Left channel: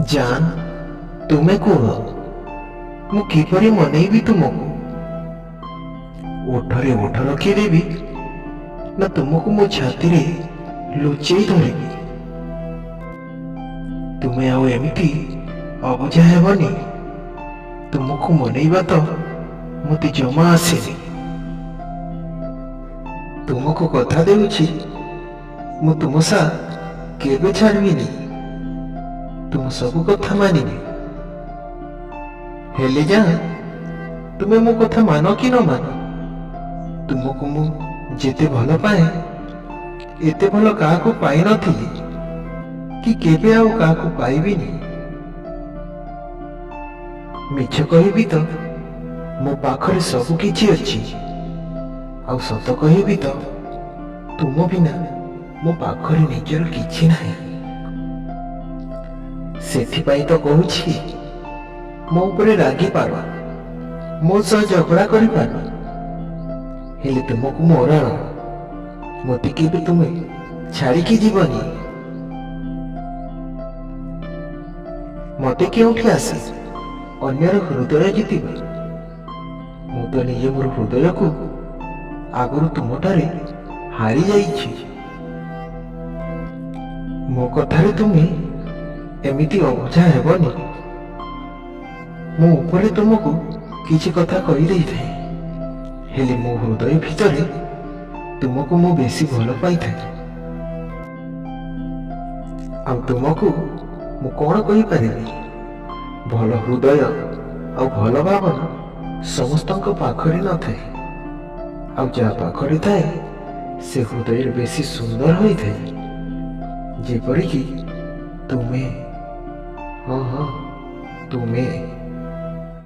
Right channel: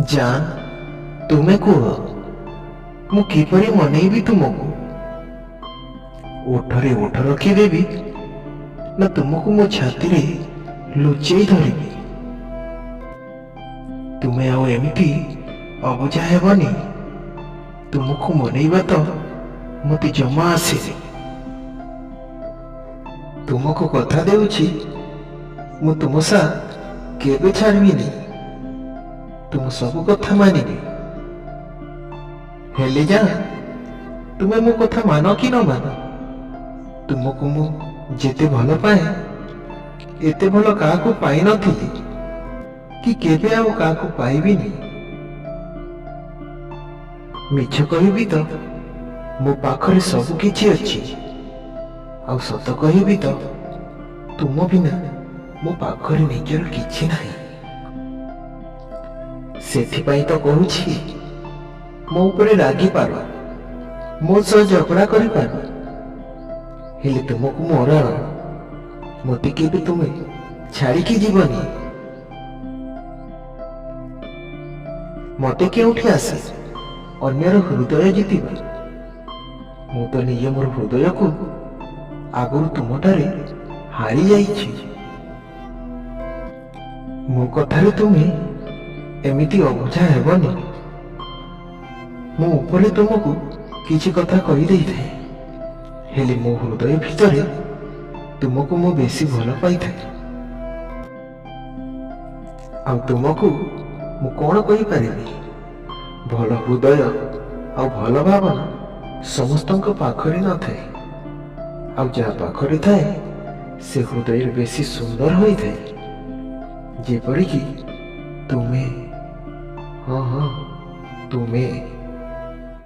जान तुमे कुह मु किपरि मनैबी तुमको। ओठरे ओठ रखिदेवी ना तुमको मो छाती रे लुचेई धरिबी। तुमे आउ एमिति अबुझा हेबनी। तुमको मनैबा तो मते जमा आसेनी। तुमको कथा देउछि मु तुम सा केबे छाड़बिनी। तुम सब कथा मानिबी। हेले जा तुमे मो कथा मान कि न मान। तुमको मु जेते भल पाए एते भल काहाकू पाई नथिली कि केबे आउ काहाकू पाइबिनी। मिछ कहिबी तो मो पाखरे सब किछि अछि। आउ सत कहिबी तो तुम बिना मो पाखरे निजर किछि नाही। सेथिपाई तो कहूछि मो उपरे रागी पार मो सह झगड़ा करि पार। हेले तुमको मोराण मते केबे तुमे छाड़ी की जीवनी। मते केउठी आसे अन्यर हृदय जितिबा। मु तो निजे मोर हृदय को आगुरु तुमटारे हारी जाइछि। मो कथारे तुमे एमिति अबुझा हेबनी। मो उपरे तुमको किछि कथा कहि देई थाए हेले मो हृदय भितरे तुमको मो बेसी भल पाई थाए। आ तुमको मु कोन कहि परिबी। भल हृदय आ भल भावना समस्तଙ୍କ पाखरे न थाए। आ जा पाखरे थाए से हृदय बेसी सुंदर होई थाए। जेपरि कि तुमे हाँ हाँ तुमे।